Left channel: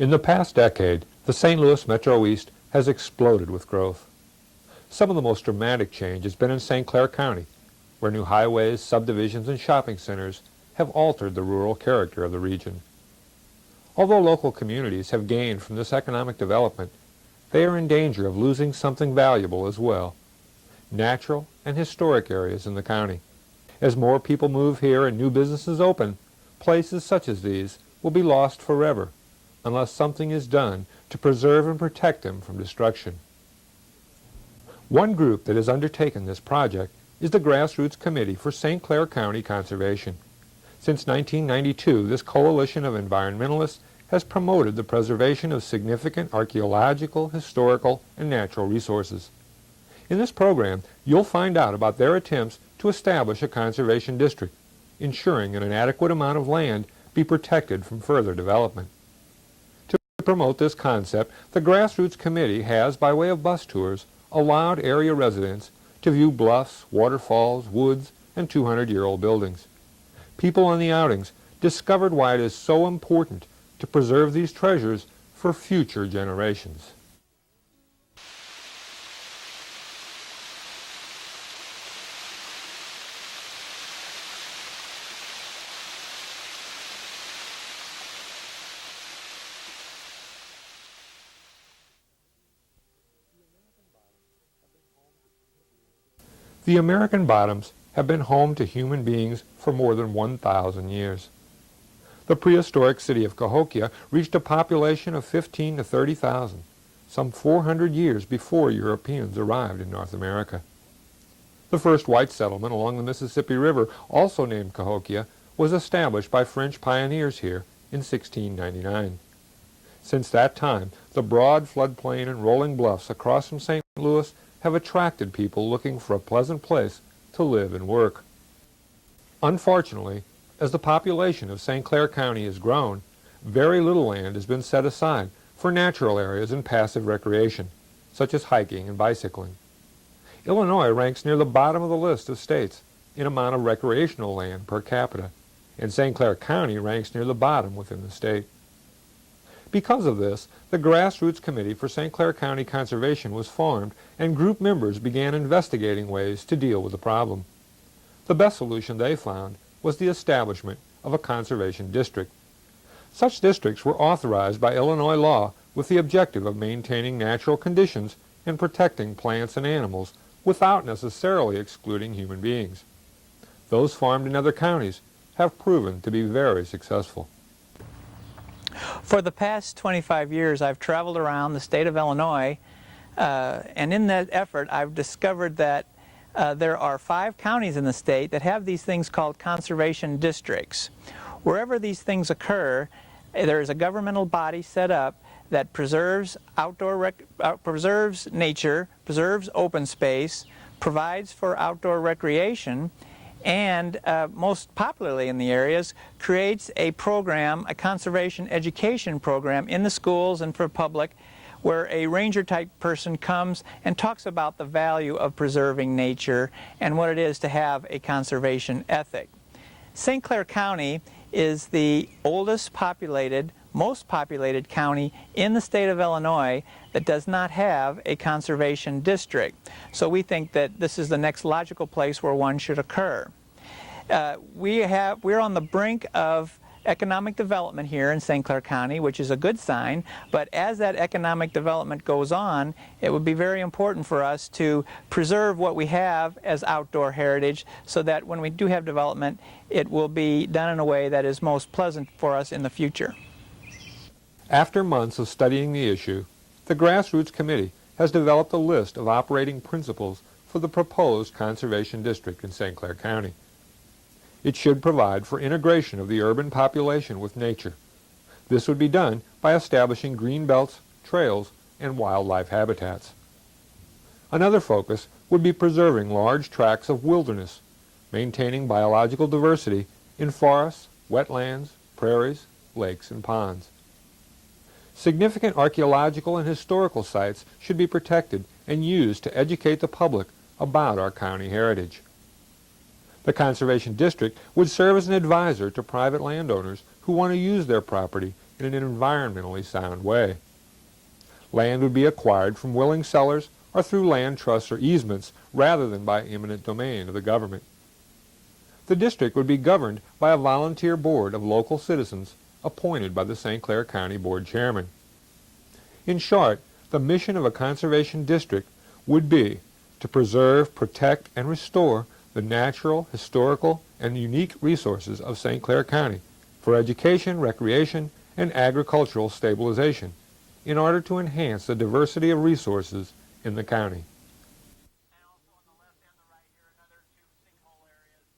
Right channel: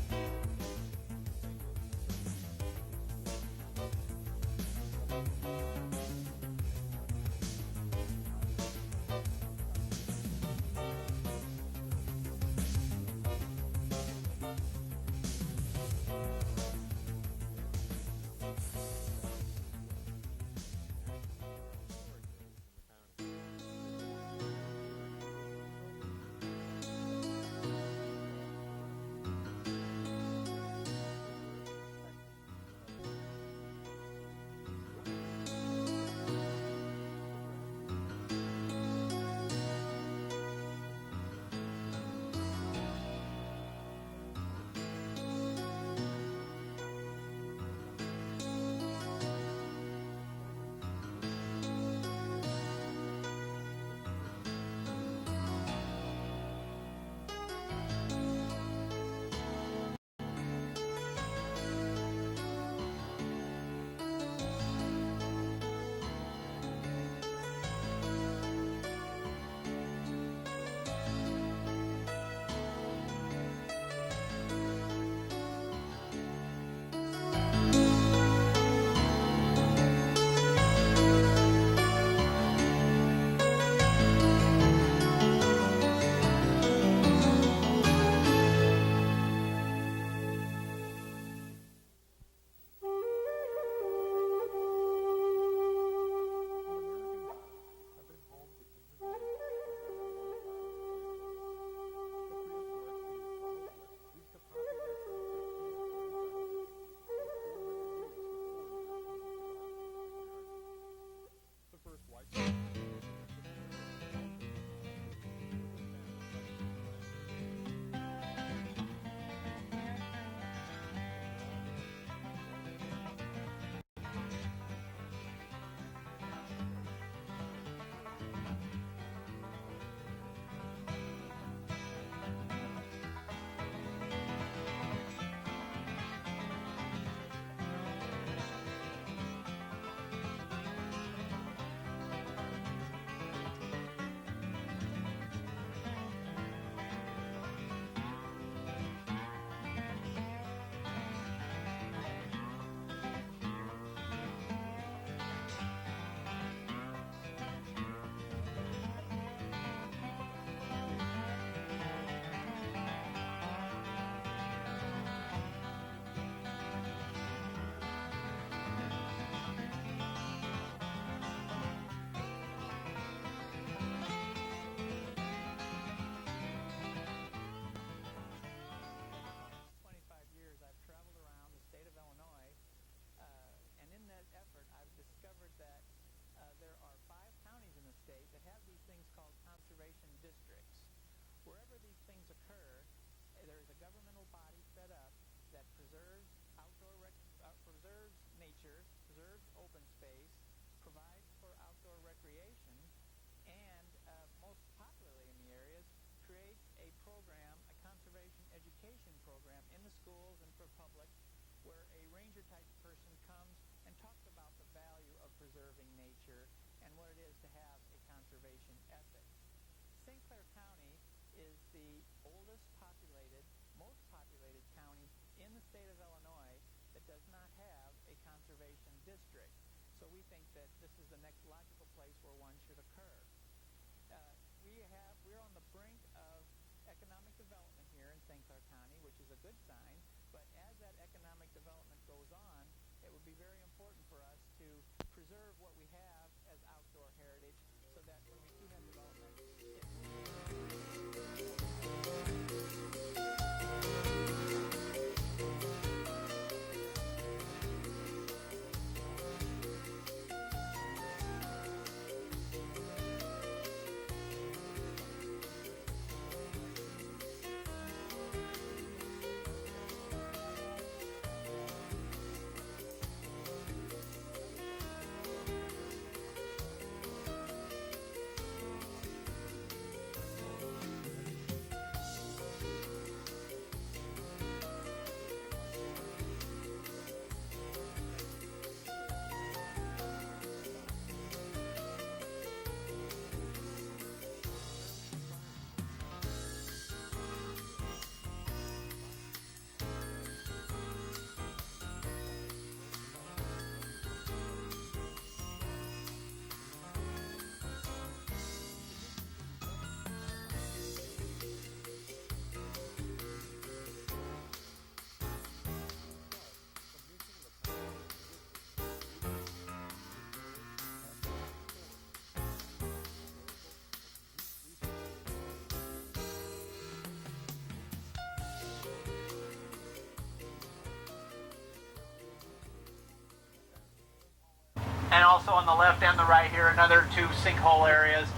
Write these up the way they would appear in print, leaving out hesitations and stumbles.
In the past decade, the St. Louis Metro East has exploded with growth. Some of the most dramatic change has been in St. Clair County, where new highways, subdivisions, and shopping centers have altered the rural character of the region. Although local communities have gained from this economic development, they are in danger of losing something valuable as well: natural and historic areas in the county. As more people move here and new businesses open, places such as these will be lost forever unless something is done to preserve and protect them from destruction. One group that has undertaken this project is the Grassroots Committee for St. Clair County Conservation. Since 1992, this coalition of environmentalists has promoted the preservation of significant archaeological, historical, and natural resources. In this program, you'll find out about their attempts to establish a conservation district, ensuring that an adequate amount of land be protected from further development. To promote this concept, the Grassroots Committee has, by way of bus tours, allowed area residents to view bluffs, waterfalls, woods, and 200-year-old buildings. People on the outings discovered why it is so important to preserve these treasures for future generations. The American Bottoms have been home to human beings for more than 1,000 years. The prehistoric city of Cahokia reached a population of 15 to 30,000, some 400 years before Europeans arrived in North America. The first white settlement along the Mississippi River, also named Cahokia, was established by French pioneers here in 1699. Since that time, the broad floodplain and rolling bluffs across from St. Louis have attracted people looking for a pleasant place to live and work. Unfortunately, as the population of St. Clair County has grown, very little land has been set aside for natural areas and passive recreation, such as hiking and bicycling. Illinois ranks near the bottom of the list of states in amount of recreational land per capita, and St. Clair County ranks near the bottom within the state. Because of this, the Grassroots Committee for St. Clair County Conservation was formed, and group members began investigating ways to deal with the problem. The best solution they found was the establishment of a conservation district. Such districts were authorized by Illinois law with the objective of maintaining natural conditions and protecting plants and animals without necessarily excluding human beings. Those formed in other counties have proven to be very successful. For the past 25 years, I've traveled around the state of Illinois, and in that effort, I've discovered that there are 5 counties in the state that have these things called conservation districts. Wherever these things occur, there is a governmental body set up that preserves preserves nature, preserves open space, provides for outdoor recreation, and most popularly in the areas, creates a program, a conservation education program in the schools and for public, where a ranger-type person comes and talks about the value of preserving nature and what it is to have a conservation ethic. St. Clair County is the oldest populated, most populated county in the state of Illinois that does not have a conservation district. So we think that this is the next logical place where one should occur. We're on the brink of economic development here in St. Clair County, which is a good sign, but as that economic development goes on, it would be very important for us to preserve what we have as outdoor heritage so that when we do have development, it will be done in a way that is most pleasant for us in the future. After months of studying the issue, the Grassroots Committee has developed a list of operating principles for the proposed conservation district in St. Clair County. It should provide for integration of the urban population with nature. This would be done by establishing green belts, trails, and wildlife habitats. Another focus would be preserving large tracts of wilderness, maintaining biological diversity in forests, wetlands, prairies, lakes, and ponds. Significant archaeological and historical sites should be protected and used to educate the public about our county heritage. The Conservation District would serve as an advisor to private landowners who want to use their property in an environmentally sound way. Land would be acquired from willing sellers or through land trusts or easements rather than by eminent domain of the government. The district would be governed by a volunteer board of local citizens appointed by the St. Clair County Board Chairman. In short, the mission of a conservation district would be to preserve, protect, and restore the natural, historical, and unique resources of St. Clair County for education, recreation, and agricultural stabilization in order to enhance the diversity of resources in the county. And also on the left and the right here, another two sinkhole areas.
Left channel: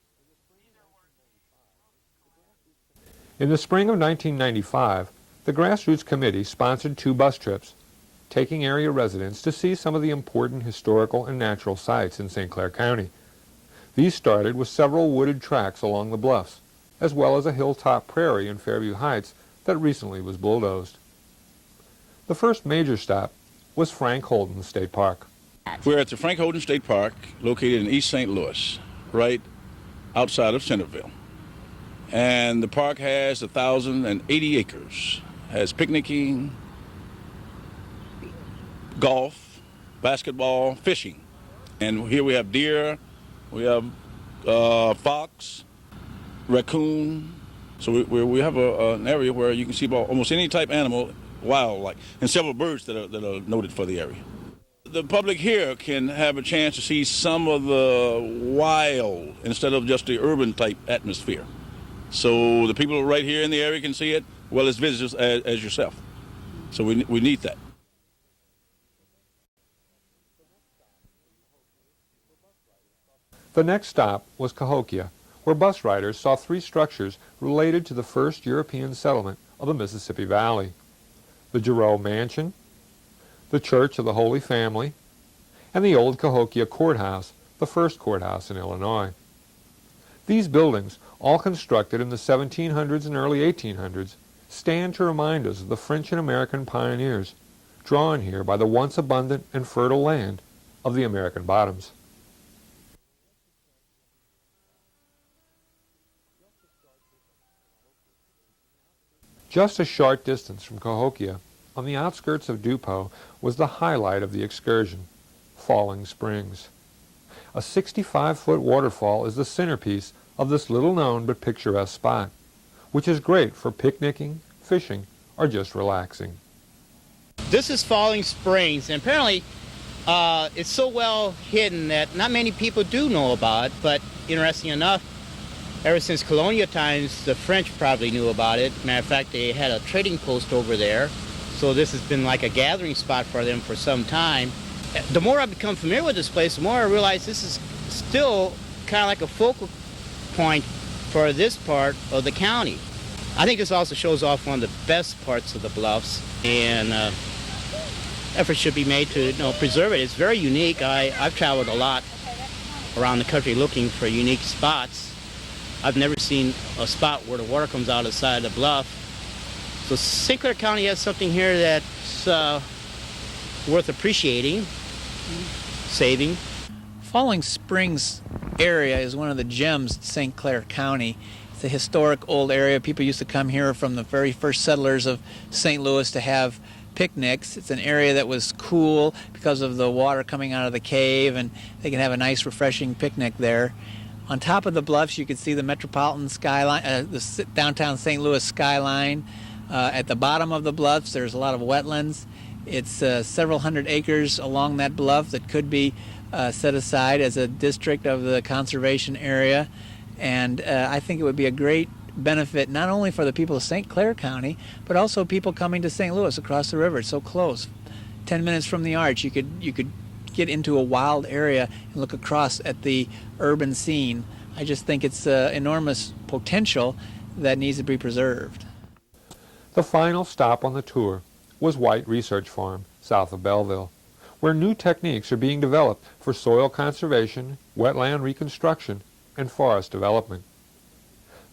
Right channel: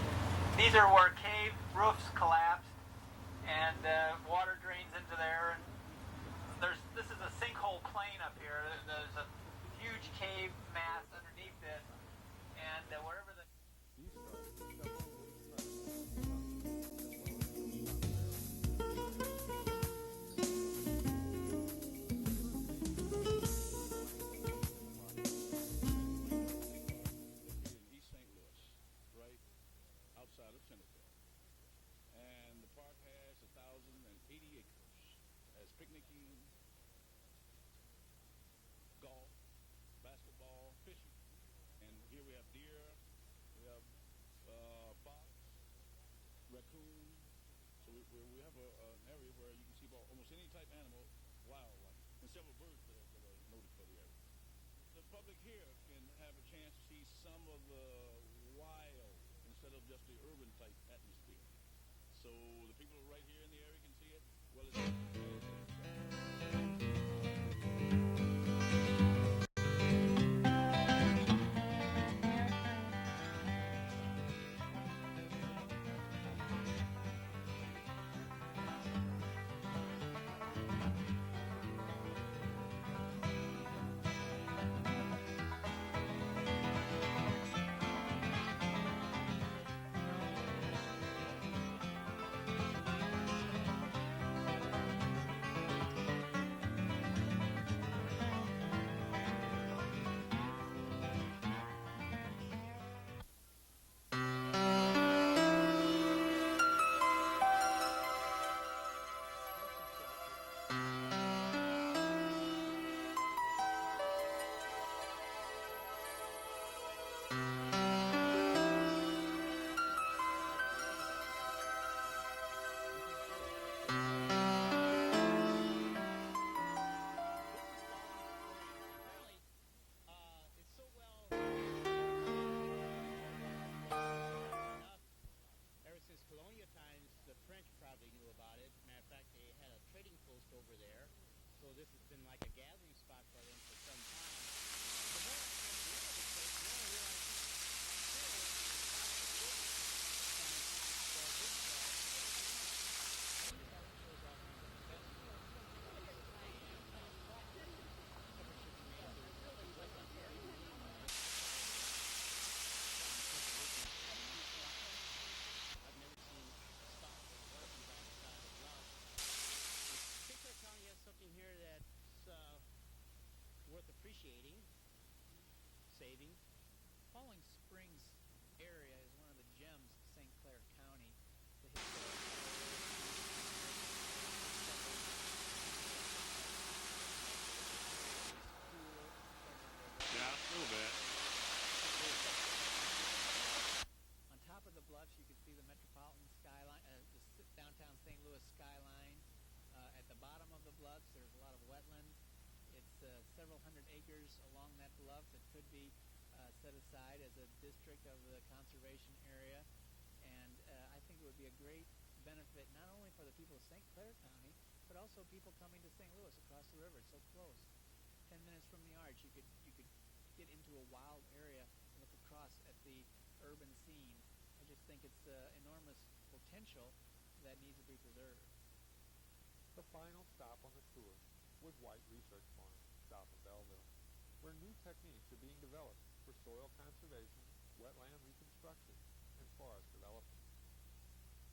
These are where cave roofs collapsed. In the spring of 1995, the Grassroots Committee sponsored 2 bus trips, taking area residents to see some of the important historical and natural sites in St. Clair County. These started with several wooded tracks along the bluffs, as well as a hilltop prairie in Fairview Heights that recently was bulldozed. The first major stop was Frank Holden State Park. We're at the Frank Holden State Park, located in East St. Louis, right outside of Centerville. And the park has 1,080 acres. Has picnicking, golf, basketball, fishing. And here we have deer, we have fox, raccoon. So we have an area where you can see almost any type animal, wild, and several birds that are noted for the area. The public here can have a chance to see some of the wild instead of just the urban type atmosphere. So the people right here in the area can see it, well as visitors as yourself. So we need that. The next stop was Cahokia, where bus riders saw 3 structures related to the first European settlement of the Mississippi Valley: the Giroux Mansion, the Church of the Holy Family, and the old Cahokia Courthouse, the first courthouse in Illinois. These buildings, all constructed in the 1700s and early 1800s, stand to remind us of the French and American pioneers, drawn here by the once abundant and fertile land of the American bottoms. Just a short distance from Cahokia, on the outskirts of Dupo, was the highlight of the excursion, Falling Springs. A 65-foot waterfall is the centerpiece of this little-known but picturesque spot, which is great for picnicking, fishing, or just relaxing. This is Falling Springs, and apparently it's so well hidden that not many people do know about it, but interesting enough, ever since colonial times, the French probably knew about it. Matter of fact, they had a trading post over there, so this has been like a gathering spot for them for some time. The more I become familiar with this place, the more I realize this is still kind of like a focal point for this part of the county. I think this also shows off one of the best parts of the bluffs, and efforts should be made to preserve it. It's very unique. I've traveled a lot around the country looking for unique spots. I've never seen a spot where the water comes out of the side of the bluff. So St. Clair County has something here that's worth appreciating, saving. Falling Springs area is one of the gems of St. Clair County. It's a historic old area. People used to come here from the very first settlers of St. Louis to have picnics. It's an area that was cool because of the water coming out of the cave, and they can have a nice refreshing picnic there. On top of the bluffs you can see the metropolitan skyline, the downtown St. Louis skyline. At the bottom of the bluffs there's a lot of wetlands. It's several hundred acres along that bluff that could be set aside as a district of the conservation area, and I think it would be a great benefit not only for the people of St. Clair County, but also people coming to St. Louis across the river. It's so close. 10 minutes from the arch, you could get into a wild area and look across at the urban scene. I just think it's enormous potential that needs to be preserved. The final stop on the tour was White Research Farm, south of Belleville, where new techniques are being developed for soil conservation, wetland reconstruction, and forest development.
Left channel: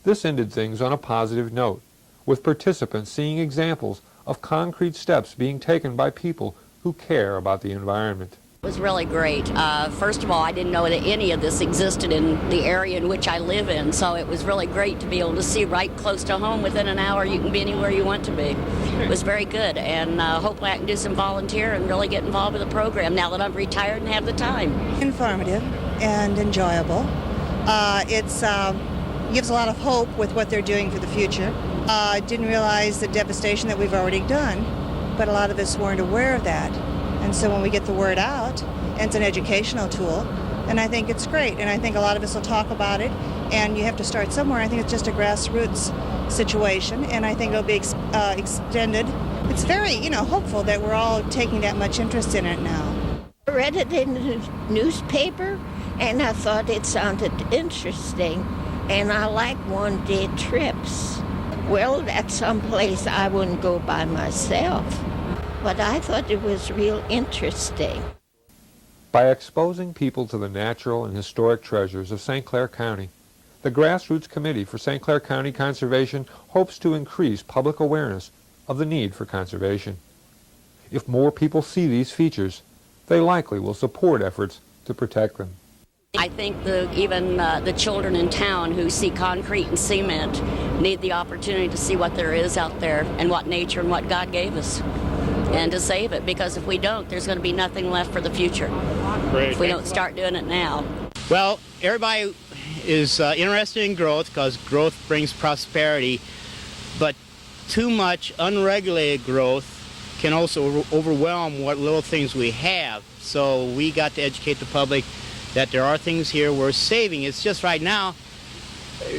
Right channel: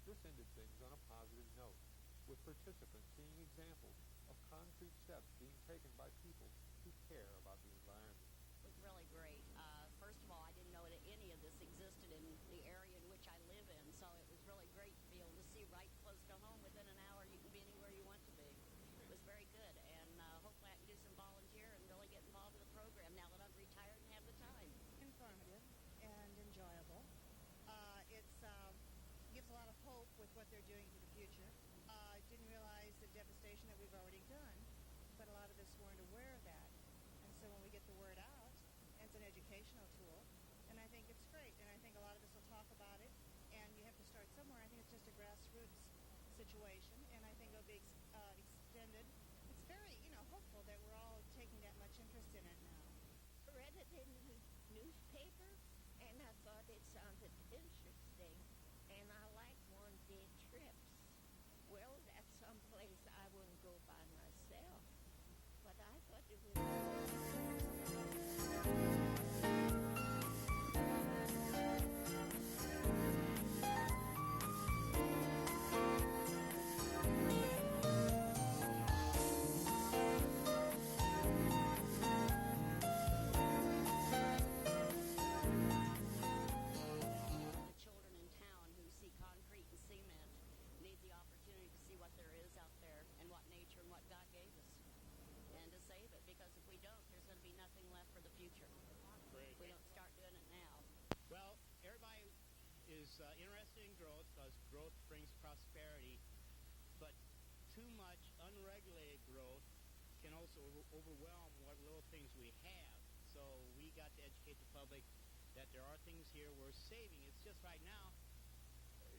This ended things on a positive note, with participants seeing examples of concrete steps being taken by people who care about the environment. It was really great. First of all, I didn't know that any of this existed in the area in which I live in, so it was really great to be able to see right close to home. Within an hour, you can be anywhere you want to be. It was very good, and hopefully I can do some volunteer and really get involved with the program now that I'm retired and have the time. Informative and enjoyable. It gives a lot of hope with what they're doing for the future. I didn't realize the devastation that we've already done, but a lot of us weren't aware of that. And so when we get the word out, and it's an educational tool, and I think it's great. And I think a lot of us will talk about it, and you have to start somewhere. I think it's just a grassroots situation, and I think it'll be extended. It's very, hopeful that we're all taking that much interest in it now. I read it in the newspaper, and I thought it sounded interesting, and I like one-day trips. Well, that's someplace I wouldn't go by myself. But I thought it was real interesting. By exposing people to the natural and historic treasures of St. Clair County, the Grassroots Committee for St. Clair County Conservation hopes to increase public awareness of the need for conservation. If more people see these features, they likely will support efforts to protect them. I think even the children in town who see concrete and cement need the opportunity to see what there is out there and what nature and what God gave us, and to save it, because if we don't, there's going to be nothing left for the future. Great. If we don't start doing it now. Well, everybody is interested in growth because growth brings prosperity, but too much unregulated growth can also overwhelm what little things we have. So we got to educate the public that there are things here worth saving. It's just right now,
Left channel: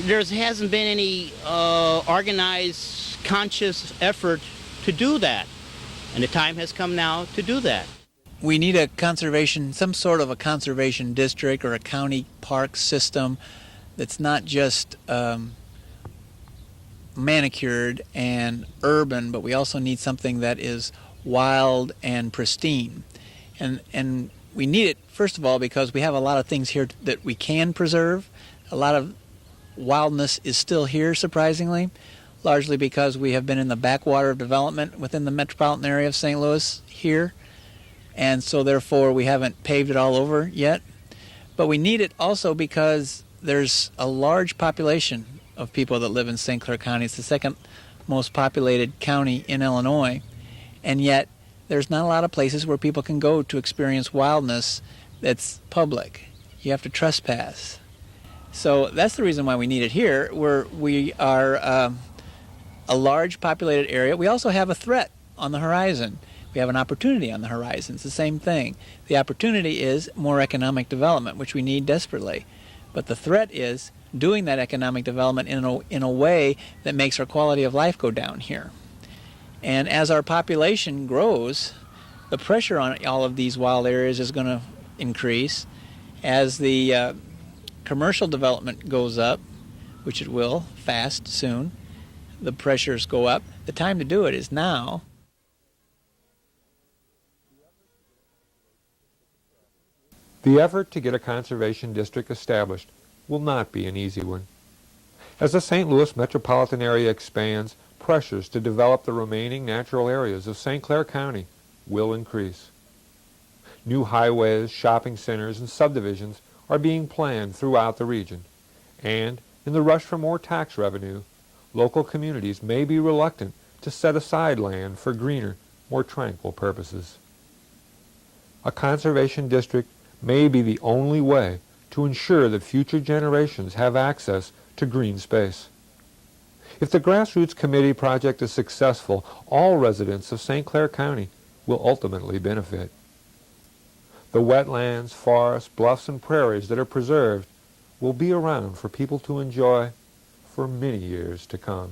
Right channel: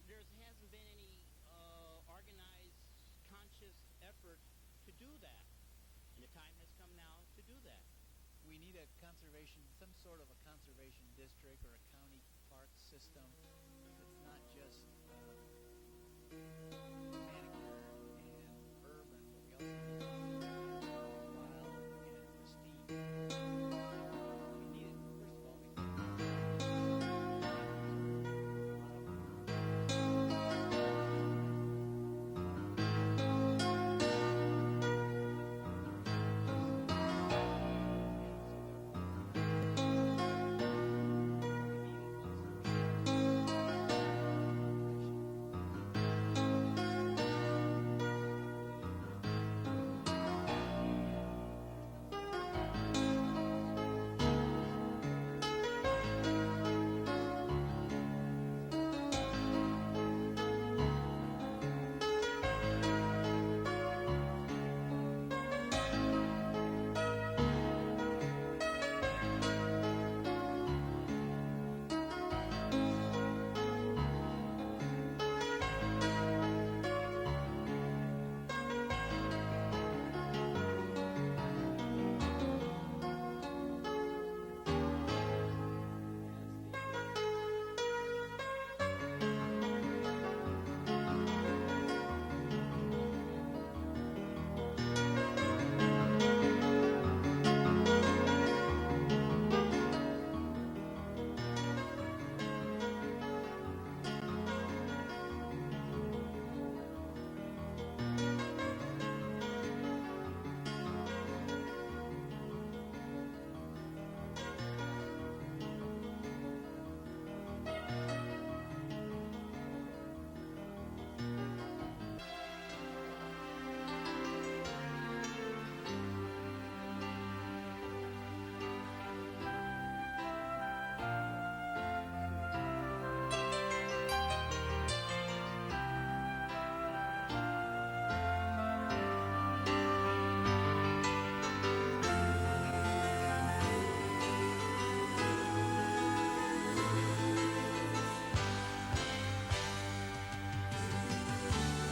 there hasn't been any organized, conscious effort to do that. And the time has come now to do that. We need a conservation, some sort of a conservation district or a county park system that's not just manicured and urban, but we also need something that is wild and pristine. And we need it, first of all, because we have a lot of things here that we can preserve. A lot of wildness is still here, surprisingly, largely because we have been in the backwater of development within the metropolitan area of St. Louis here, and so therefore we haven't paved it all over yet. But we need it also because there's a large population of people that live in St. Clair County. It's the second most populated county in Illinois, and yet there's not a lot of places where people can go to experience wildness that's public. You have to trespass. So that's the reason why we need it here, where we are a large populated area. We also have a threat on the horizon. We have an opportunity on the horizon. It's the same thing. The opportunity is more economic development, which we need desperately. But the threat is doing that economic development in a way that makes our quality of life go down here. And as our population grows, the pressure on all of these wild areas is going to increase. As the commercial development goes up, which it will fast soon, the pressures go up. The time to do it is now. The effort to get a conservation district established will not be an easy one. As the St. Louis metropolitan area expands, pressures to develop the remaining natural areas of St. Clair County will increase. New highways, shopping centers, and subdivisions are being planned throughout the region, and in the rush for more tax revenue, local communities may be reluctant to set aside land for greener, more tranquil purposes. A conservation district may be the only way to ensure that future generations have access to green space. If the Grassroots Committee project is successful, all residents of St. Clair County will ultimately benefit. The wetlands, forests, bluffs, and prairies that are preserved will be around for people to enjoy for many years to come.